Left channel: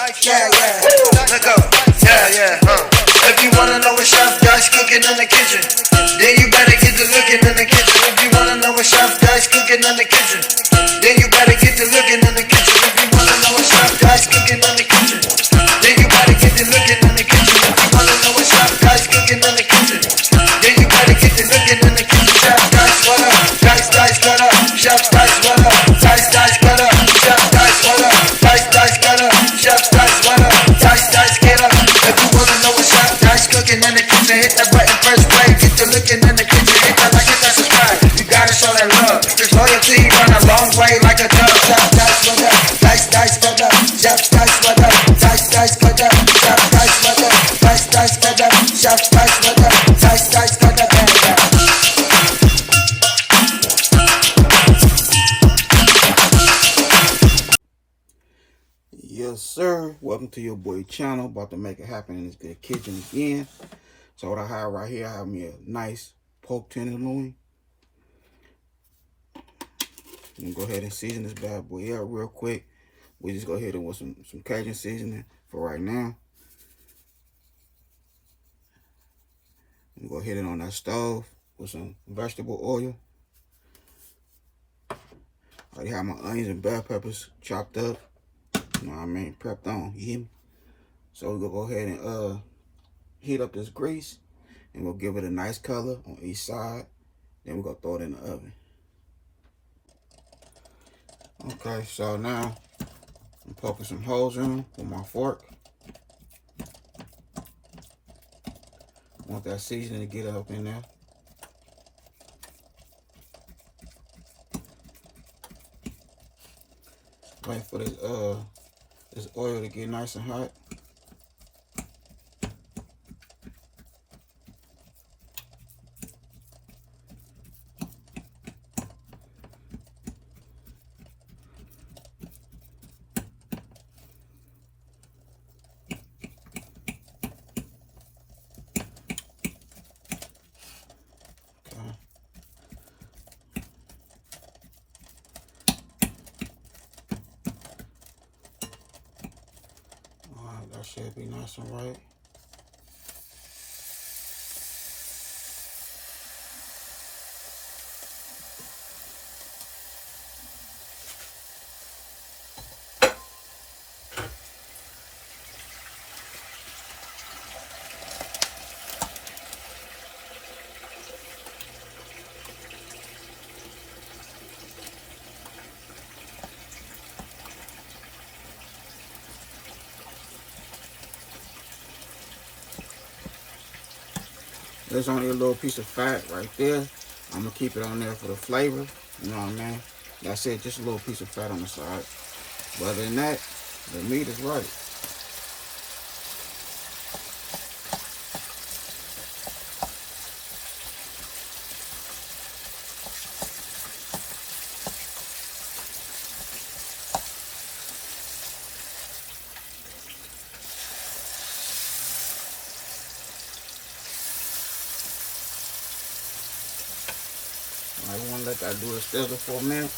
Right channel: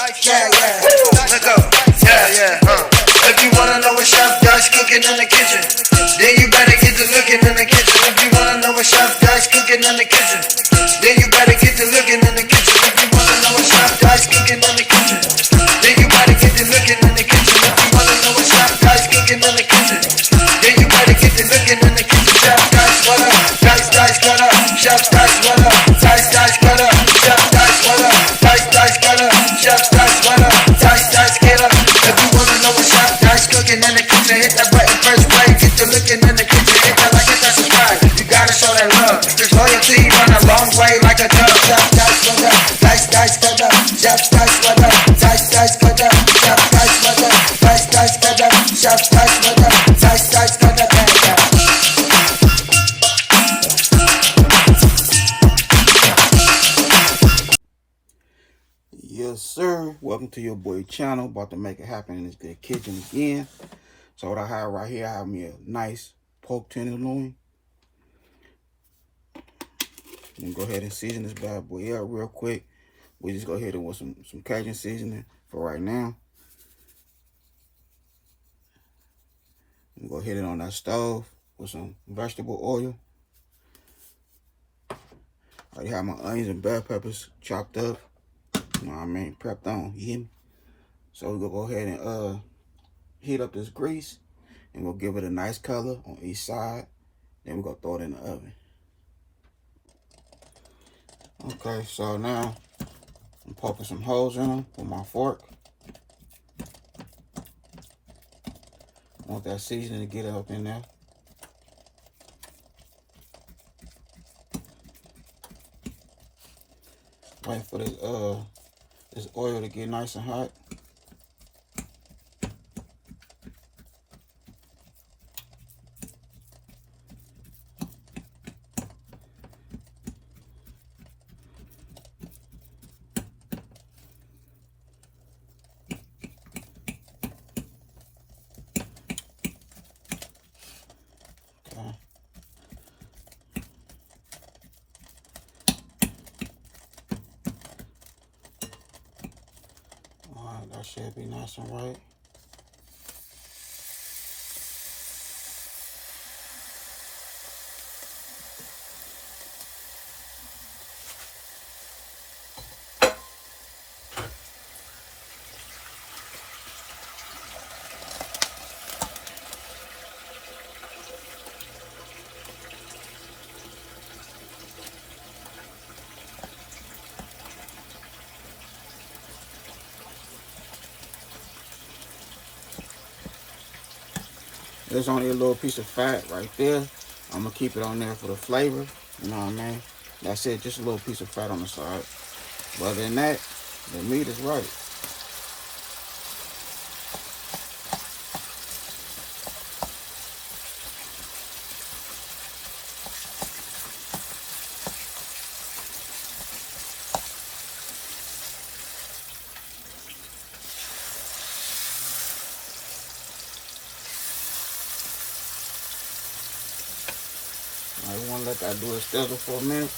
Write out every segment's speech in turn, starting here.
Yeah, let go. Yeah. If you wanna know what Chef Dice cooking in the kitchen, then you better get to looking in the kitchen. If you wanna know what Chef Dice cooking in the kitchen, then you better get to looking in the kitchen. If you wanna know what Chef Dice cooking in the kitchen, then you better get to looking in the kitchen. If you wanna know what Chef Dice cooking in the kitchen, then you better get to looking in the kitchen. Chef Dice, what up? Dice, cut up. Chef Dice, what up? Dice, cut up. Chef Dice, what up? Dice, cut up. Chef Dice, what up? Dice, get up. If you wanna know what Chef Dice cooking in the kitchen, hit that button, press play. Get to looking in the kitchen, hit that like, hit that subscribe. You gotta show that love. This loyalty run a long way like a dove. Chef Dice, what up? Dice, cut up. Chef Dice, what up? Dice, cut up. Chef Dice, what up? Dice, cut up. Chef Dice, what up? Dice, cut up. Yes, sir. Welcome to your boy channel. About to make it happen in this good kitchen again. So what I have right here, I have me a nice pork tenderloin. I'm gonna go ahead and season this bad boy up real quick. We just go ahead and with some Cajun seasoning for right now. I'm gonna hit it on that stove with some vegetable oil. I already have my onions and bell peppers chopped up. You know what I mean? Prepped on, you hear me? So we're gonna go ahead and heat up this grease, and we'll give it a nice color on each side. Then we're gonna throw it in the oven. Okay, so now I'm poking some holes in them with my fork. I want that seasoning to get up in there. Waiting for this oil to get nice and hot. That should be nice and right. There's only a little piece of fat right there. I'm gonna keep it on there for the flavor. You know what I mean? That's it, just a little piece of fat on the side. But other than that, the meat is right. I want to let that do its sizzle for a minute.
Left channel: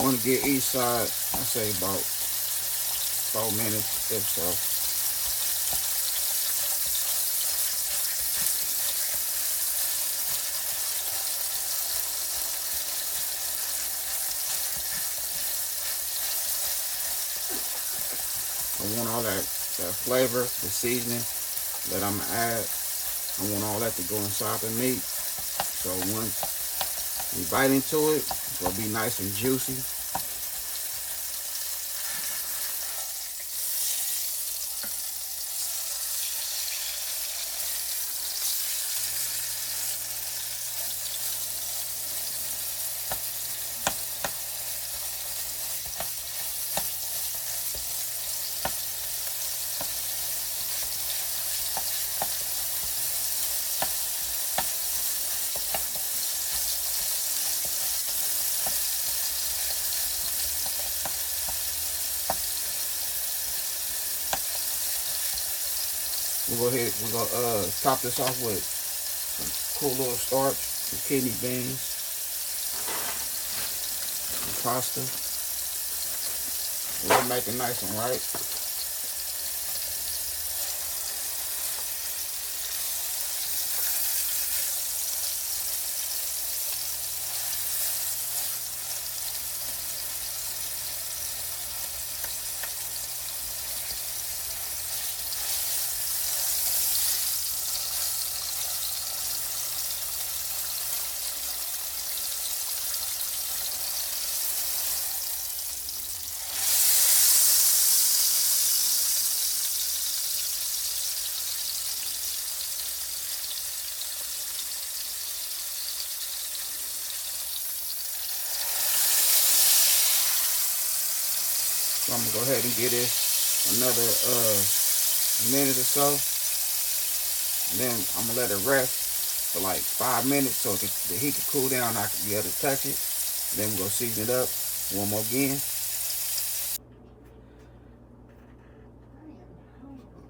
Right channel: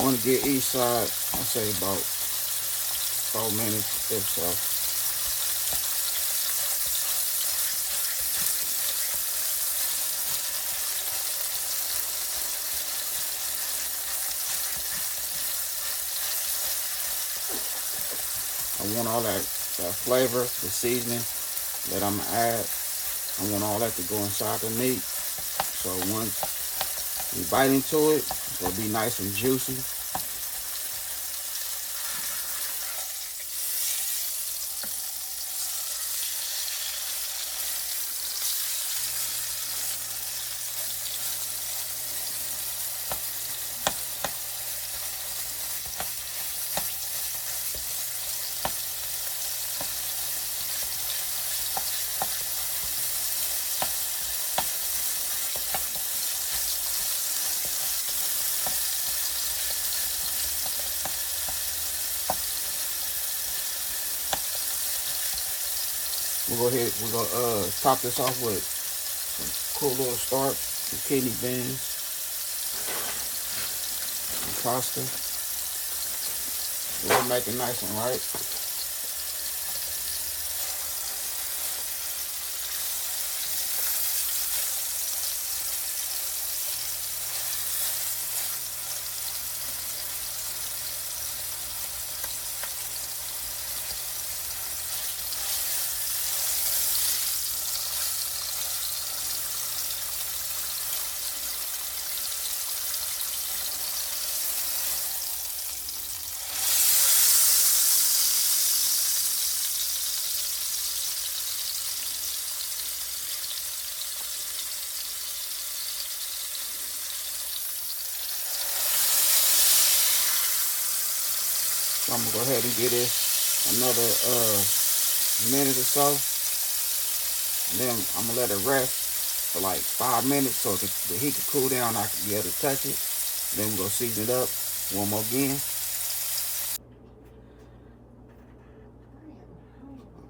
I want to get each side, I'll say about 4 minutes if so. I want all that flavor, the seasoning that I'm gonna add. I want all that to go inside the meat. So once we bite into it, it's gonna be nice and juicy. We're gonna top this off with some cool little starch, some kidney beans, some pasta. We'll make it nice and right. So I'm gonna go ahead and get it another minute or so. And then I'm gonna let it rest for like 5 minutes so the heat can cool down. I can be able to touch it. Then we're gonna season it up one more again.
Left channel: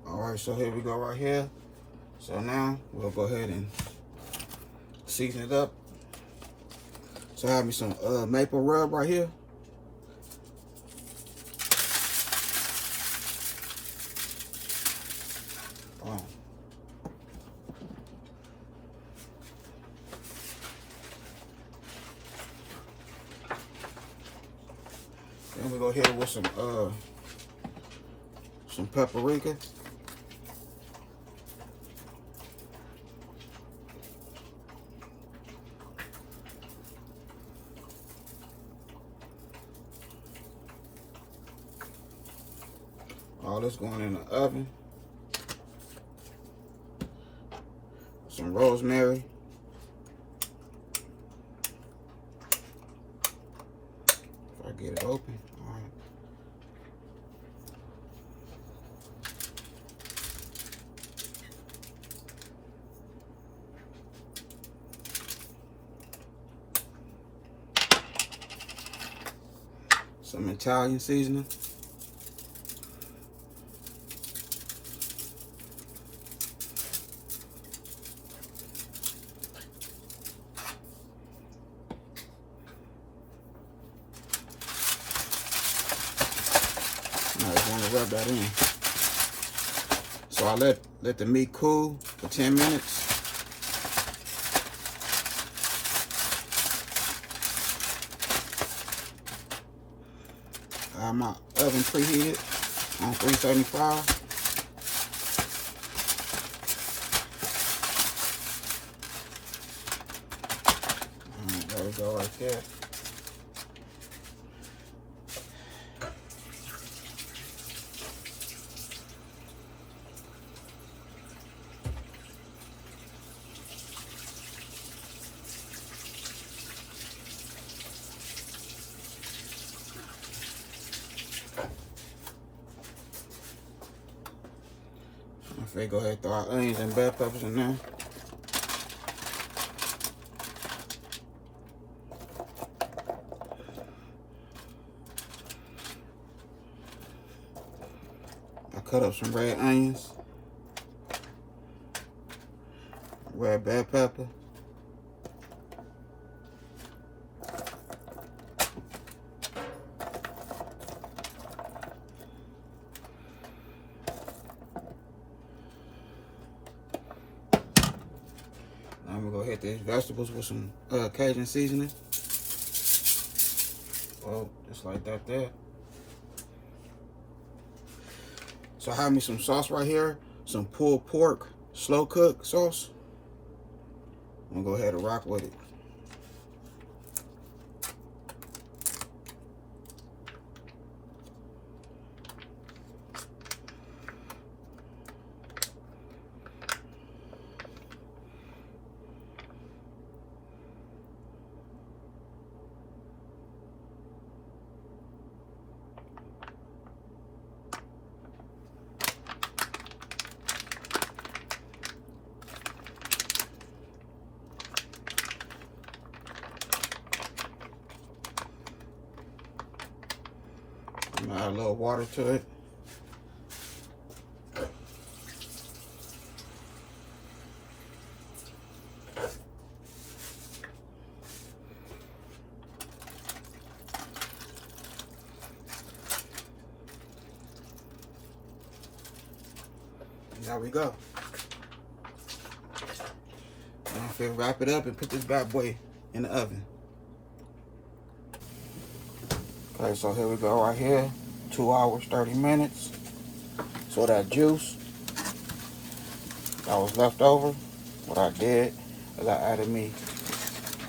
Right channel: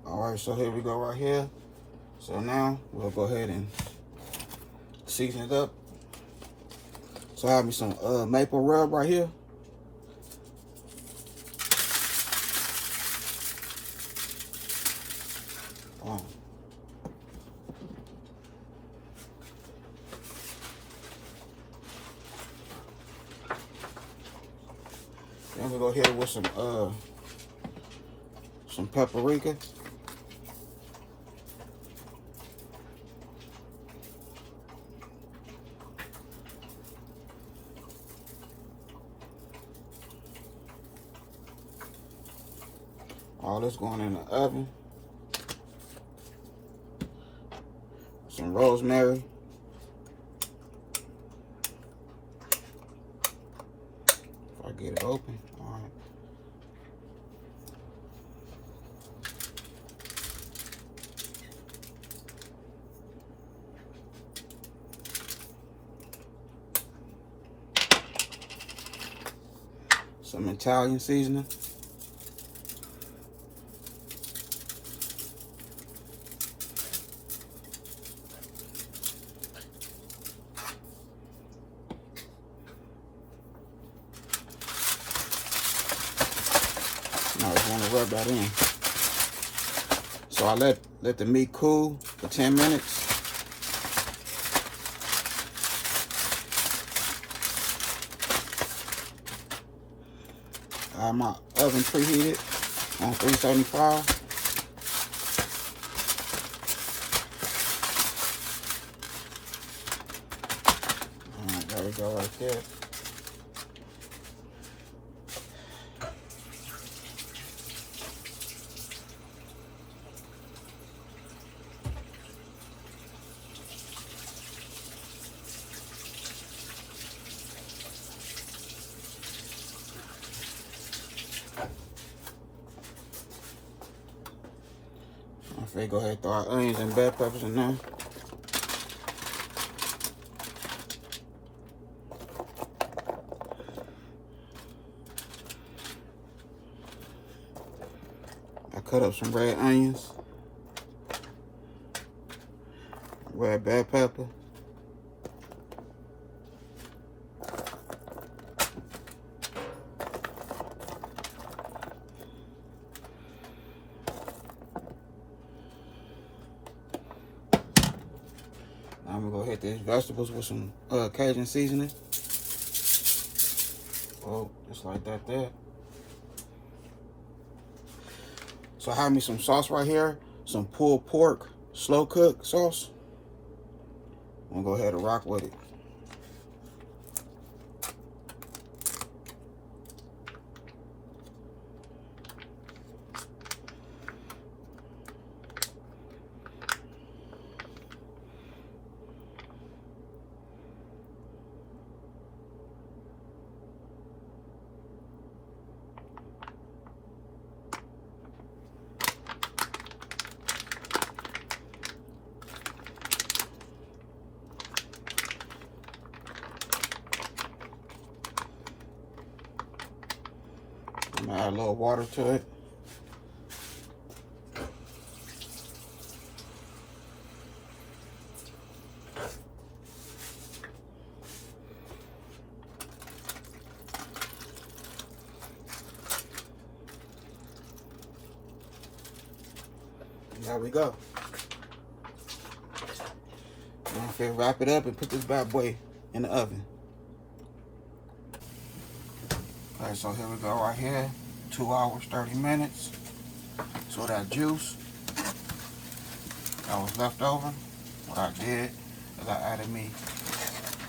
Alright, so here we go right here. So now we'll go ahead and season it up. So I have me some maple rub right here. Then we go here with some paprika. All this going in the oven. Some rosemary. If I get it open, all right. Some Italian seasoning. Now I just want to rub that in. So I let the meat cool for 10 minutes. I have my oven preheated on 375. Alright, there we go right there. Okay, go ahead and throw our onions and bell peppers in there. I cut up some red onions, red bell pepper, I'm gonna go hit these vegetables with some Cajun seasoning. Oh, just like that there. So I have me some sauce right here, some pulled pork slow cook sauce. I'm gonna go ahead and rock with it. Add a little water to it. And there we go. And if we wrap it up and put this bad boy in the oven. Okay, so here we go right here. 2 hours, 30 minutes. So that juice that was left over, what I did is I added me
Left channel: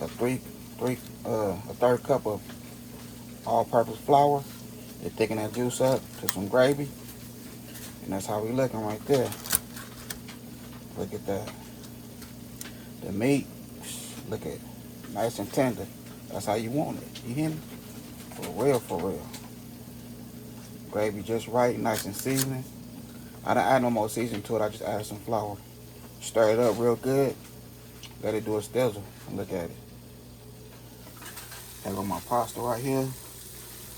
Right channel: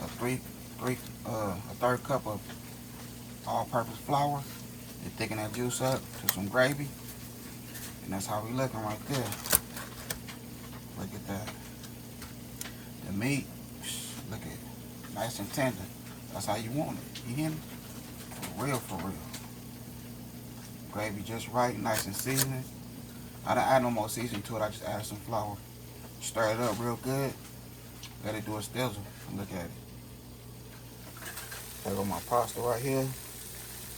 a third cup of all-purpose flour to thicken that juice up to some gravy. And that's how we looking right there. Look at that. The meat, look at it, nice and tender. That's how you want it. You hear me? For real, for real. Gravy just right, nice and seasoned. I didn't add no more seasoning to it. I just added some flour. Stir it up real good. Let it do a stizzle. Look at it. I got my pasta right here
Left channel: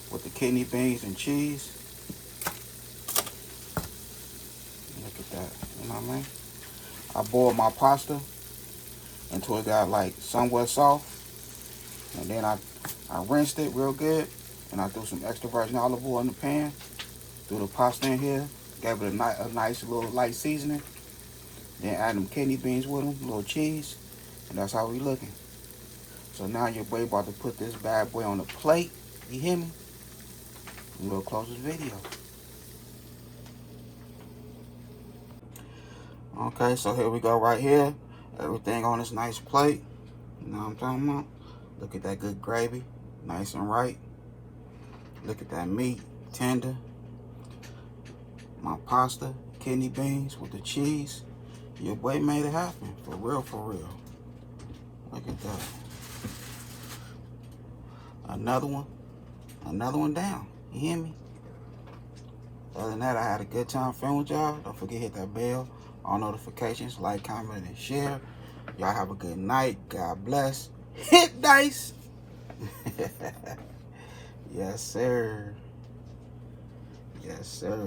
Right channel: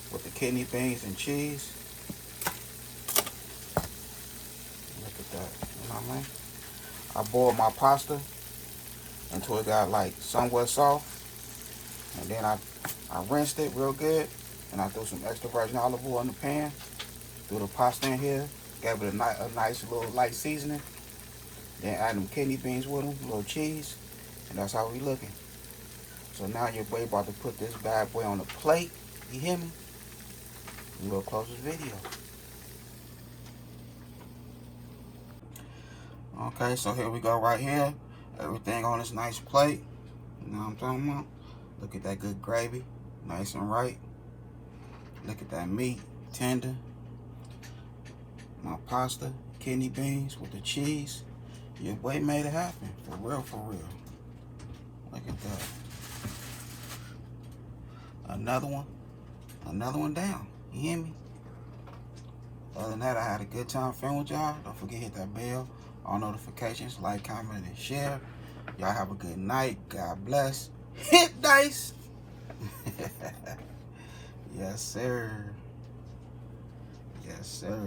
with the kidney beans and cheese. Look at that. You know what I mean? I boiled my pasta until it got like somewhat soft. And then I rinsed it real good. And I threw some extra virgin olive oil in the pan. Threw the pasta in here. Gave it a nice little light seasoning. Then add them kidney beans with them, a little cheese. And that's how we looking. So now your boy about to put this bad boy on the plate. You hear me? We'll close this video. Okay, so here we go right here. Everything on this nice plate. You know what I'm talking about? Look at that good gravy. Nice and right. Look at that meat. Tender. My pasta. Kidney beans with the cheese. Your boy made it happen. For real, for real. Look at that. Another one. Another one down. You hear me? Other than that, I had a good time filming with y'all. Don't forget to hit that bell. All notifications. Like, comment, and share. Y'all have a good night. God bless. Hit dice. Yes, sir. Yes, sir.